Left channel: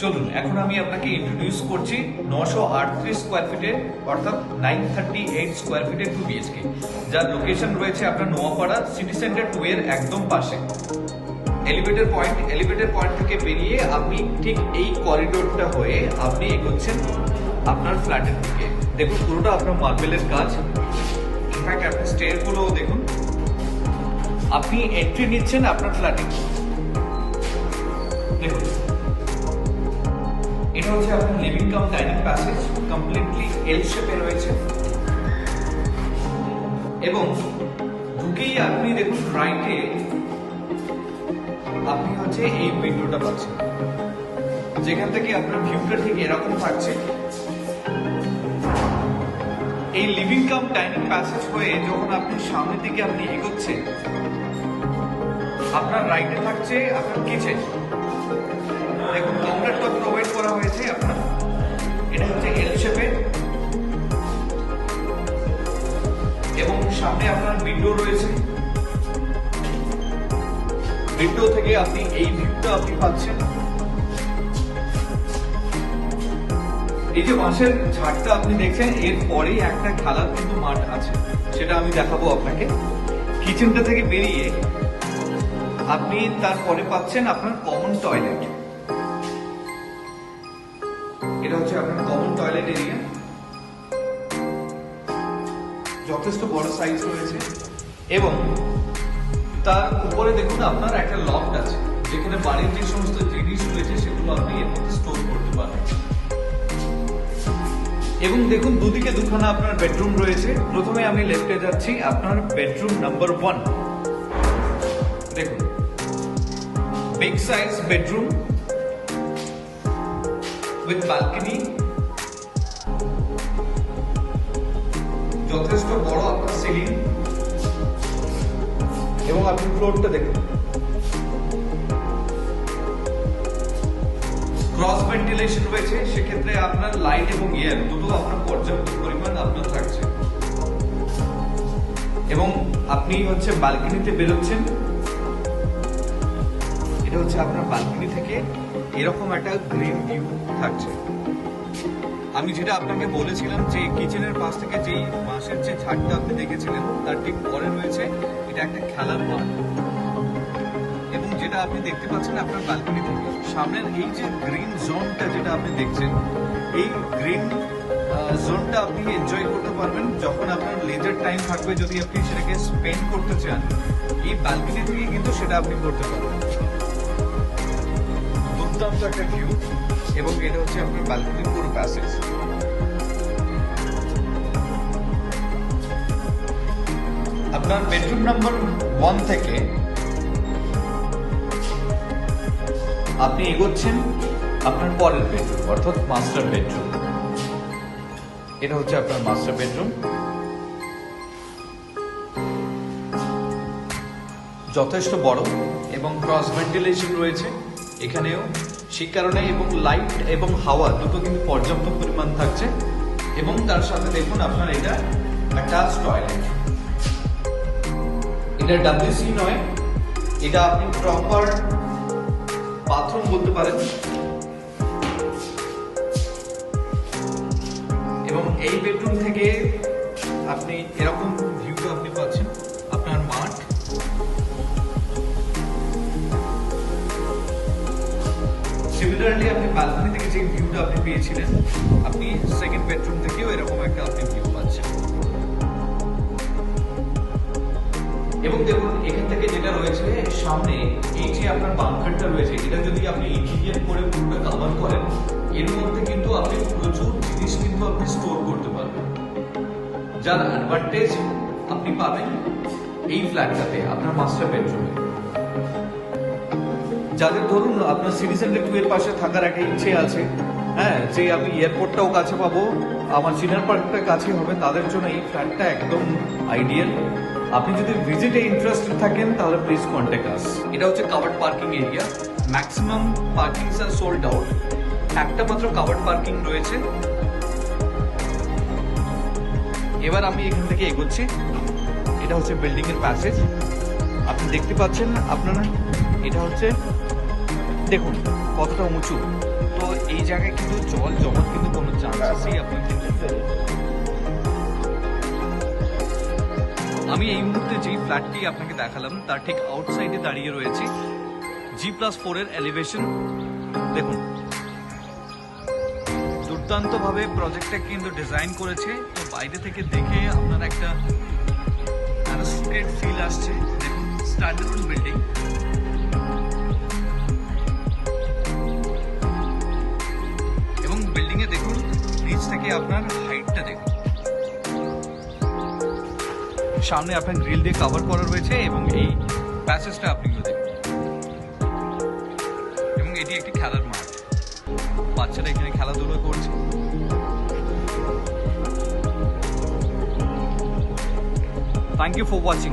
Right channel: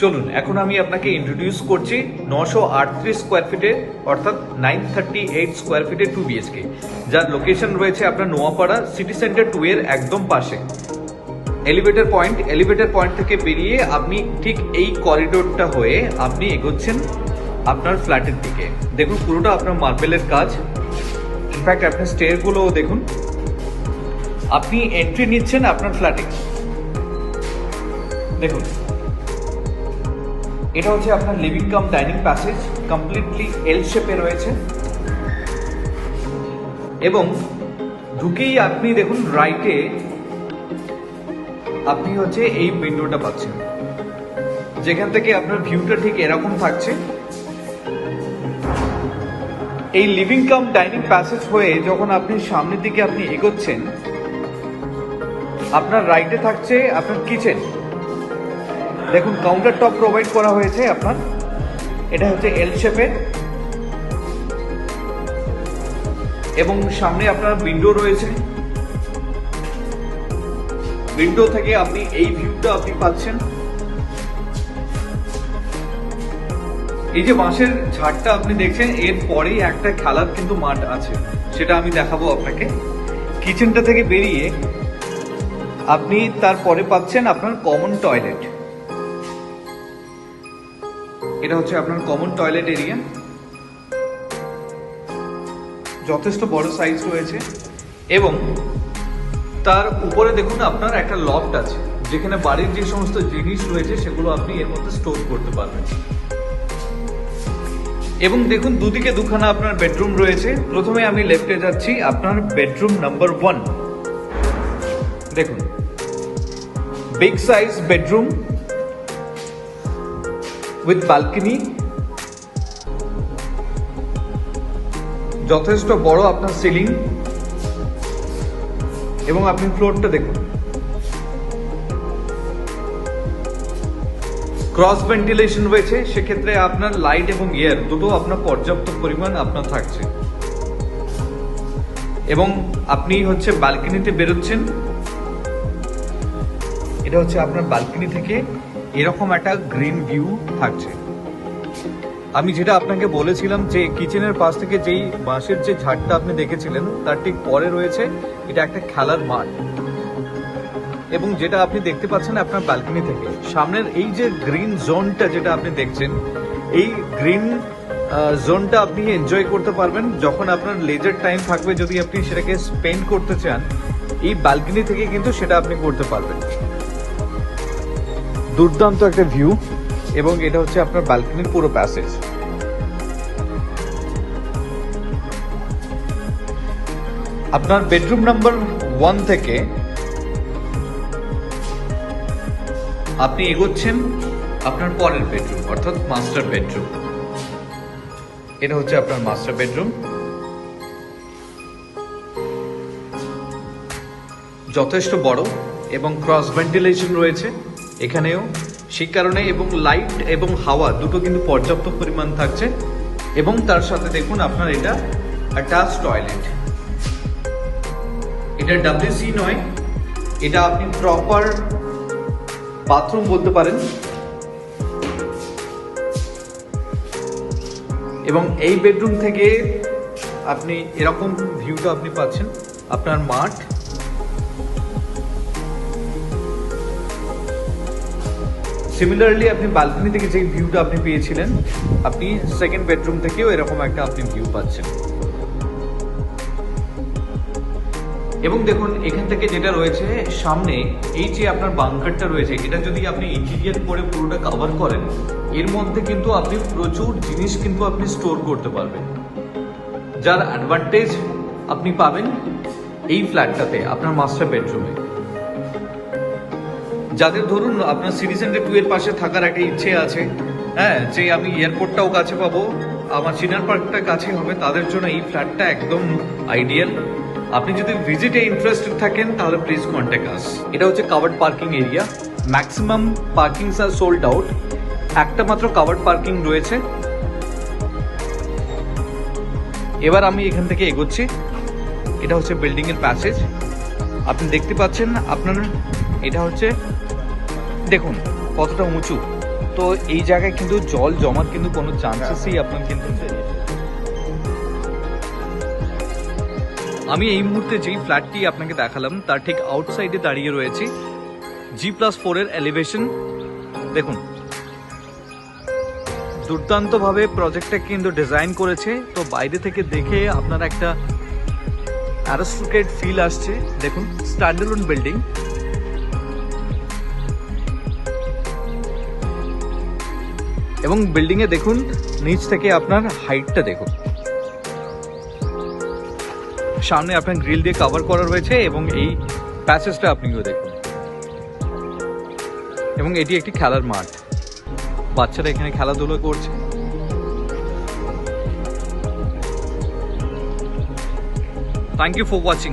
চলুন এখন আমি আপনাকে ইন্ট্রোডিউস করছি 938 স্কোয়ার ফিটের অর্থাৎ 938 স্কোয়ার ফিটের 2 বিএচকে, যার লোকেশন রয়েছে আপনার নোয়াপাড়া সিটি সেন্টার 2 এর একদম পাশে। এলিভেটর পয়েন্ট থেকে বেরিয়ে আপনি ঠিক এই করিডোরটা হয়ে আপনি এগোচ্ছেন আপনার ফ্ল্যাটের দিকে। দেখুন পুরোটা আপনার মার্বেলের কাজ, ইনফ্যাক্ট আপনার স্টেয়ারগুলোও দেখুন। আপনি এন্ট্রি নিচ্ছেন আপনার ফ্ল্যাটে। দেখুন এটা হচ্ছে আপনার living cum dining passage, completely L শেপে রয়েছে এবং ঢুকেই আপনি দেখুন রাইটে আপনি হচ্ছে এই উইন্ডোটা পাচ্ছেন, যেখান থেকে আপনার ভিউটা ঠিক এরকম থাকছে। এই লিভিং কাম ডাইনিং প্যাসেজ হয়ে যখন আপনি সামনের দিকে আপনি এগোচ্ছেন, আপনার রাইটে থাকছে আপনার কিচেন। দেখুন কাউন্টার টপ প্রোভাইড করা হয়েছে আপনার, এটা হচ্ছে এল শেপের এবং সামনে আপনার উইন্ডো রয়েছে। উইন্ডো থেকে আপনি এই ভিউটা আপনি পাচ্ছেন। এই যে বাঁশের ঝাড়টা আপনি দেখছেন, এর পরেই একটা খেলার কিন্তু মাঠ আছে, সেটা আমি দেখাবো আপনাকে। কিচেনটা থেকে বেরিয়ে আপনি তারপরে পাচ্ছেন আপনার কমন টয়লেট। এটা হচ্ছে আপনার কমন টয়লেট এরিয়া, যথেষ্ট বড় সাইজ রয়েছে এবং তার উপরে দেখুন আপনার একটা লফট আছে, যেখানে বাড়ির যে সমস্ত জিনিস রয়েছে সেগুলো আপনি এর মধ্যে স্টোর করতে পারবেন। এবং দেখুন দুদিকে দুখানা আপনার বেডরুম রয়েছে। প্রথমে আমি লেফটে যাচ্ছি, আপনার বেডরুম নাম্বার 1। দেখুন big size bedroom with balcony, যথেষ্ট বড় আপনার সিলিং এবং আপনি ফ্লোরটা দেখুন, ক্রস ভেন্টিলেশন রয়েছে, সেক্ষেত্রে আপনার লাইট এবং এয়ার দুটো আপনার পর্যাপ্ত পরিমাণ আপনার থাকছে। এবং আপনি হচ্ছে ব্যালকনিতে বেরোচ্ছেন, এটা হচ্ছে আপনার ব্যালকনি থেকে এরকম একটা গ্রিন ভিউ থাকছে। আমি যেটা আপনাকে বলেছিলাম যে কিচেনের পাশ থেকে যেই বাঁশের যে ঝাড়টা আপনি দেখেছিলেন, তার ঠিক পরে রয়েছে এটা একটা খেলার মাঠ। এবং যেটা আপনি দেখতে পাচ্ছেন আপনার ব্যালকনি থেকে সামনের এই যে গ্রিন জোনটা যেটা আপনি দেখছেন, এই গ্রিন জোনটা আপনি এনজয় করতে পারবেন যখন আপনার লেজার টাইম থাকবে। যদি আপনি সেটাকে স্পেন্ড করতে চান, এই ব্যালকনি থেকে কিন্তু সেটা আপনি করতে পারবেন। দুর্দান্ত একটা ভিউ এবং এটা হচ্ছে আপনার ব্যালকনির পুরো প্যাসেজ। আপনার বেডরুম নাম্বার 1 থেকে আপনি এগোচ্ছেন আপনার পরের বেডরুম অর্থাৎ মাস্টার বেডরুম। এটা হচ্ছে আপনার মাস্টার বেডরুম, যথেষ্ট বড় এবং ক্রস ভেন্টিলেশন রয়েছে এখানেও, সেই কারণে এবং লাইট এবং হাওয়া দুটো কিন্তু পর্যাপ্ত পরিমাণ থাকছে। এবং তার সাথে দেখুন আপনার এটা অ্যাটাচ টয়লেট, এটা WC নয়, এটা আপনি প্রপার বাথরুম বলতে পারেন। এবং এই বেডরুম থেকে আপনি এরকম ভিউটা আপনি পাচ্ছেন, আপনার মাঠ। সিমিলারলি আপনি ব্যালকনি থেকে যে ভিউটা আপনি পেয়েছিলেন, আপনি সেকেন্ড বেডরুম থেকেও এরকম একটা আপনি ভিউ পাচ্ছেন। এবং দেখুন এখান থেকে যেটা রয়েছে সামনে, এই যে আপনার বাংকারটা রয়েছে, এটা যদি আপনি ইন্টেরিয়র করে পুরোটা কভার করেন, এর মধ্যে কিন্তু আপনি প্রচুর জিনিস কিন্তু আপনি স্টোর করতে পারবেন, যার অ্যাডভান্টেজ আপনি পাবেন এই ফ্ল্যাটটাতে আপনার মাস্টার বেডরুমে। যাদের ধরুন আপনার সিটি সেন্টার 2 এর পাশে থাকার একটা ইচ্ছে আছে, হ্যাঁ, যে আমি এয়ারপোর্টটাও কাছে পাবো, আমার চিনার পার্কটা কাছে হবে, তাদের জন্য এই ফ্ল্যাটটা একদম আইডিয়াল। আপনি যদি ভিজিটে ইন্টারেস্টেড থাকেন তাহলে প্লিজ কন্ট্যাক্ট আস। এটা হচ্ছে covered parking area, maximum parkings are sold out, একটা মাত্র কাভার্ড পার্কিং রয়েছে। এবার আমি এখান থেকে এগোচ্ছি, এটা হচ্ছে বিল্ডিং এর প্যাসেজ। আপনি দেখতে পাচ্ছেন আপনার, এটা হচ্ছে দেখুন কতটা উঁচু, তো এই জায়গায় কিন্তু জল জমার কিন্তু কোনো চান্সেসই আপনার কিন্তু নেই। আমি এই মুহূর্তে যেই ফ্ল্যাটটি আপনাকে দেখালাম তার ঠিক আউটসাইডে দাঁড়িয়ে রয়েছি। G+4 এর এলিভেশন দেখুন, দুর্দান্তভাবে প্রজেক্টটা কিন্তু ডিজাইন করেছে। তো বাইরে থেকে দেখে আপনার একটা অ্যারিস্টোক্রেট ফিল আসছে। দেখুন, স্ট্যান্ডার্ড বিল্ডিং, এবং বিল্ডিং এ দেখুন নিচ থেকে আপনার হাইটটা দেখুন। সামনে আপনার গ্রিল দিয়ে কভার করা রয়েছে এবং এই প্যাসেজটা আপনিও দেখুন। এবং এটি একটি খেলার মাঠ, বাচ্চারা এখানে খেলাধুলো করছে। Thank you for watching.